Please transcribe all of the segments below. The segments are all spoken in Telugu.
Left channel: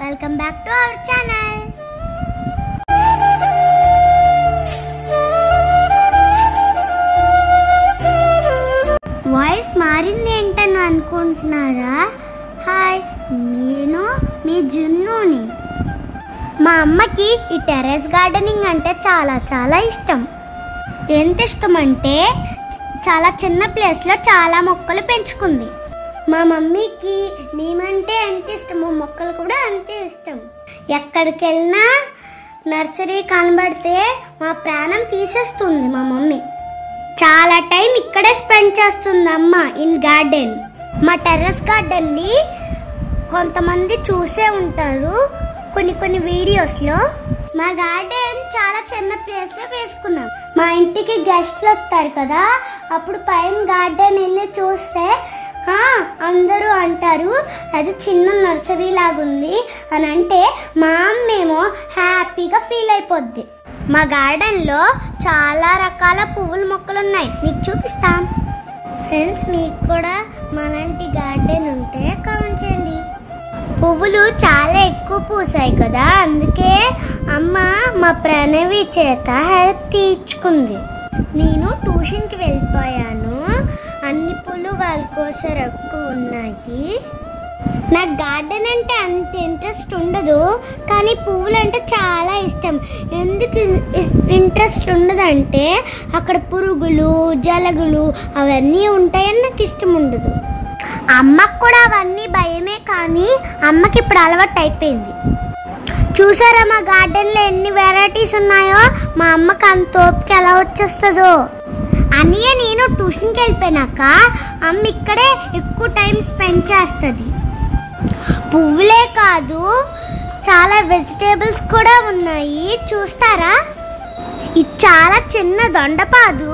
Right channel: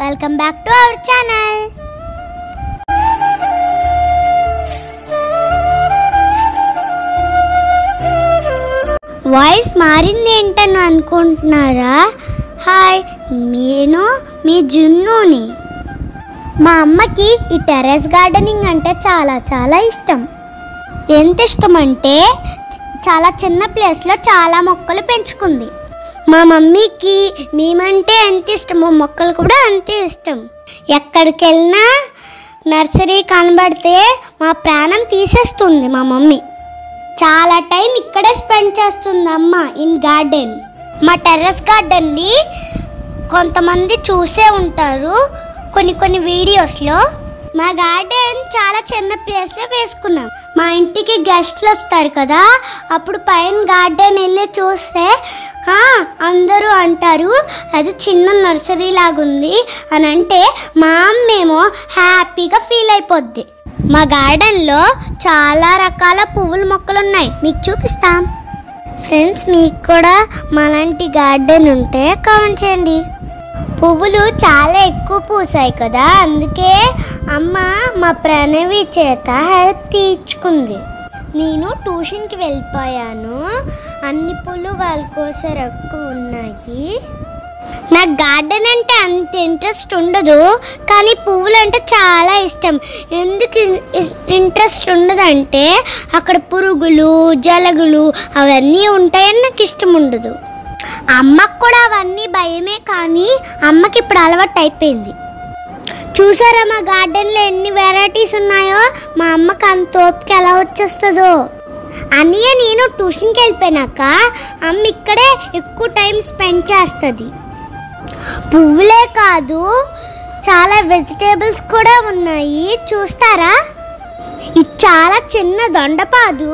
Welcome back to our channel. Voice మారింది ఏంటని అనుకుంటున్నారా? హాయ్, నేను మీ జున్నుని. మా అమ్మకి ఈ టెర్రస్ గార్డెనింగ్ అంటే చాలా ఇష్టం. ఎంత ఇష్టం అంటే చాలా చిన్న ప్లేస్లో చాలా మొక్కలు పెంచుకుంది. మా మమ్మీకి మేమంటే ఎంత ఇష్టమో మొక్కలు కూడా అంతే ఇష్టం. ఎక్కడికి వెళ్ళినా నర్సరీ కనబడితే మా ప్రాణం తీసేస్తుంది మా మమ్మీ. చాలా టైం ఇక్కడే స్పెండ్ చేస్తుంది అమ్మ ఇన్ గార్డెన్. మా టెర్రస్ గార్డెన్ని కొంతమంది చూసే ఉంటారు కొన్ని వీడియోస్లో. మా గార్డెన్ చాలా చిన్న ప్లేస్లో వేసుకున్నాం. మా ఇంటికి గెస్ట్లు వస్తారు కదా, అప్పుడు పైన గార్డెన్ వెళ్ళి చూస్తే అందరూ అంటారు అది చిన్న నర్సరీ లాగుంది అని. అంటే మా అమ్మేమో హ్యాపీగా ఫీల్ అయిపోద్ది. మా గార్డెన్లో చాలా రకాల పువ్వుల మొక్కలు ఉన్నాయి, మీకు చూపిస్తాం. ఫ్రెండ్స్, మీకు కూడా మాలాంటి గార్డెన్ ఉంటే కామెంట్ చేయండి. పువ్వులు చాలా ఎక్కువ పూసాయి కదా, అందుకే అమ్మ మా ప్రణవి చేత హెల్ప్ తీర్చుకుంది. నేను ట్యూషన్కి వెళ్ళిపోయాను. అన్ని పూలు వాళ్ళ కోసం ఎక్కువ ఉన్నాయి. నాకు గార్డెన్ అంటే అంత ఇంట్రెస్ట్ ఉండదు, కానీ పువ్వులు అంటే చాలా ఇష్టం. ఎందుకు ఇంట్రెస్ట్ ఉండదంటే అక్కడ పురుగులు జలగులు అవన్నీ ఉంటాయని నాకు ఇష్టం ఉండదు. అమ్మకు కూడా అవన్నీ భయమే, కానీ అమ్మకి ఇప్పుడు అలవాటు అయిపోయింది. చూసారా మా గార్డెన్లో ఎన్ని వెరైటీస్ ఉన్నాయో? మా అమ్మకి అంత ఓపిక ఎలా వచ్చేస్తుందో. అన్నయ్య నేను ట్యూషన్కి వెళ్ళిపోయినాక అమ్మ ఇక్కడే ఎక్కువ టైం స్పెండ్ చేస్తుంది. పువ్వులే కాదు, చాలా వెజిటేబుల్స్ కూడా ఉన్నాయి, చూస్తారా? ఇది చాలా చిన్న దొండపాదు,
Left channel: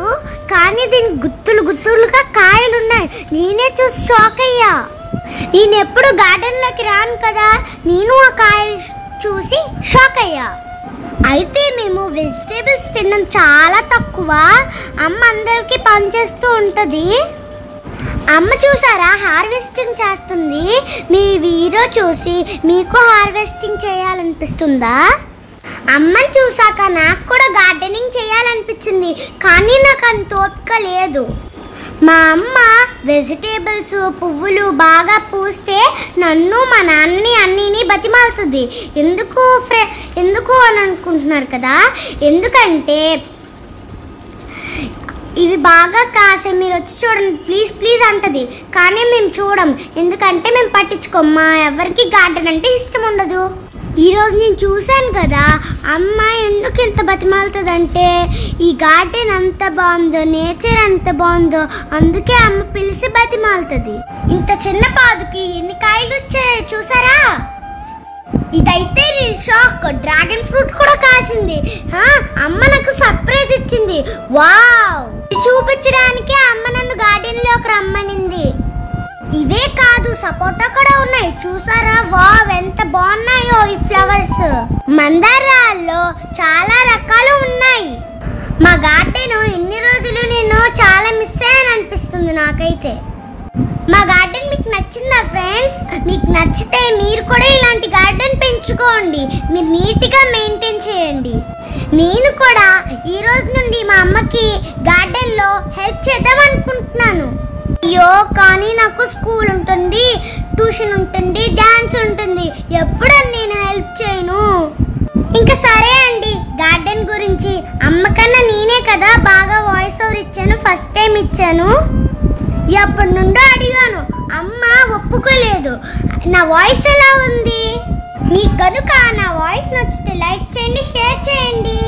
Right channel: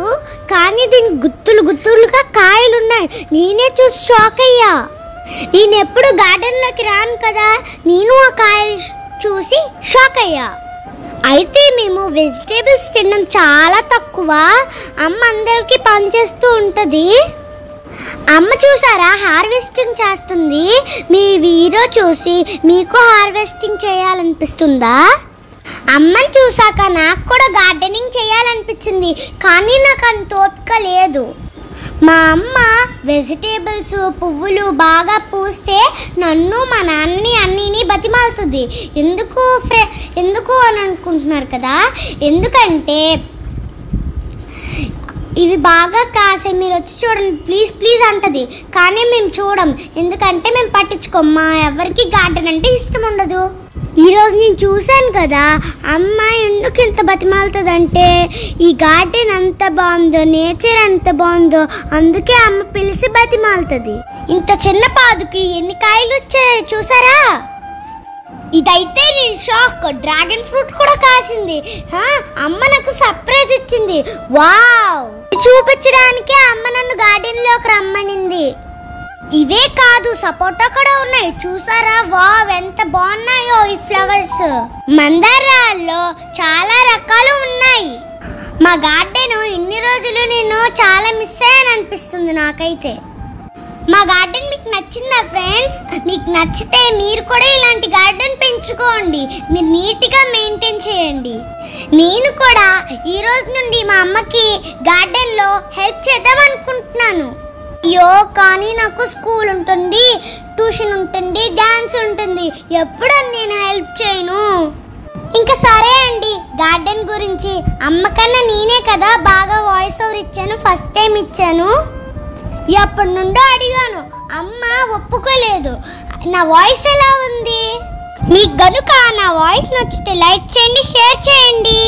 కానీ దీనికి గుత్తులుగా కాయలు ఉన్నాయి. నేనే చూసి షాక్ అయ్యా. నేను ఎప్పుడు గార్డెన్లోకి రాను కదా, నేను ఆ కాయ చూసి షాక్ అయ్యా. అయితే మేము వెజిటేబుల్స్ తినడం చాలా తక్కువ. అమ్మ అందరికీ పనిచేస్తూ ఉంటుంది. అమ్మ చూసారా హార్వెస్టింగ్ చేస్తుంది. మీ వీడియో చూసి మీకు హార్వెస్టింగ్ చేయాలనిపిస్తుందా? అమ్మని చూసాక నాకు కూడా గార్డెనింగ్ చేయాలనిపించింది, కానీ నాకు అంత ఓపిక లేదు. మా అమ్మ వెజిటేబుల్స్ పువ్వులు బాగా పూస్తే నన్ను మా నాన్నని అన్నీని బతిమాలుతుంది. ఎందుకు అని అనుకుంటున్నారు కదా, ఎందుకంటే ఇవి బాగా కాసే, మీరు వచ్చి చూడండి ప్లీజ్ అంటది. కానీ మేము చూడం, ఎందుకంటే మేము పట్టించుకోం. మా ఎవరికి గార్డెన్ అంటే ఇష్టం ఉండదు. ఈరోజు నేను చూశాను కదా, అమ్మ ఎందుకు ఇంత బతిమాలుతుందంటే ఈ గార్డెన్ అంత బాగుందో, నేచర్ ఎంత బాగుందో, అందుకే అమ్మ పిలిచి బతిమాలుతుంది. ఇంత చిన్న పాదుకి ఎన్ని కాయలు వచ్చాయి చూసారా? ఇదైతే నేను షాక్. డ్రాగన్ ఫ్రూట్ కూడా కాసింది. అమ్మ నాకు సర్ప్రైజ్ ఇచ్చింది. వావ్! చూపించడానికి అమ్మ నన్ను గార్డెన్లోకి రమ్మనింది. ఇవే కాదు, సపోటా కూడా ఉన్నాయి, చూసారా? వావ్, ఎంత బాగున్నాయో ఈ ఫ్లవర్స్. మందారాల్లో చాలా రకాలు ఉన్నాయి. మా గార్డెన్ ఇన్ని రోజులు నేను చాలా మిస్ అయ్యాను అనిపిస్తుంది నాకైతే. మా గార్డెన్ మీకు నచ్చిందా ఫ్రెండ్స్? మీకు నచ్చితే మీరు కూడా ఇలాంటి గార్డెన్ పెంచుకోండి. మీరు నీట్గా మెయింటైన్ చేయండి. నేను కూడా ఈ రోజు నుండి మా అమ్మకి గార్డెన్లో హెల్ప్ చేద్దాం అనుకుంటున్నాను. అయ్యో, కానీ నాకు స్కూల్ ఉంటుంది, ట్యూషన్ ఉంటుంది, డాన్స్ ఉంటుంది, ఎప్పుడు నేను హెల్ప్ చేయను. ఇంకా సరే అండి, గార్డెన్ గురించి అమ్మకన్నా నేనే కదా బాగా వాయిస్ ఓవర్ ఇచ్చాను. ఫస్ట్ టైం ఇచ్చాను, ఎప్పటి నుండో అడిగాను, అమ్మ ఒప్పుకోలేదు. నా వాయిస్ ఎలా ఉంది? మీకు గనుక నా వాయిస్ నచ్చితే లైక్ చేయండి, షేర్ చేయండి.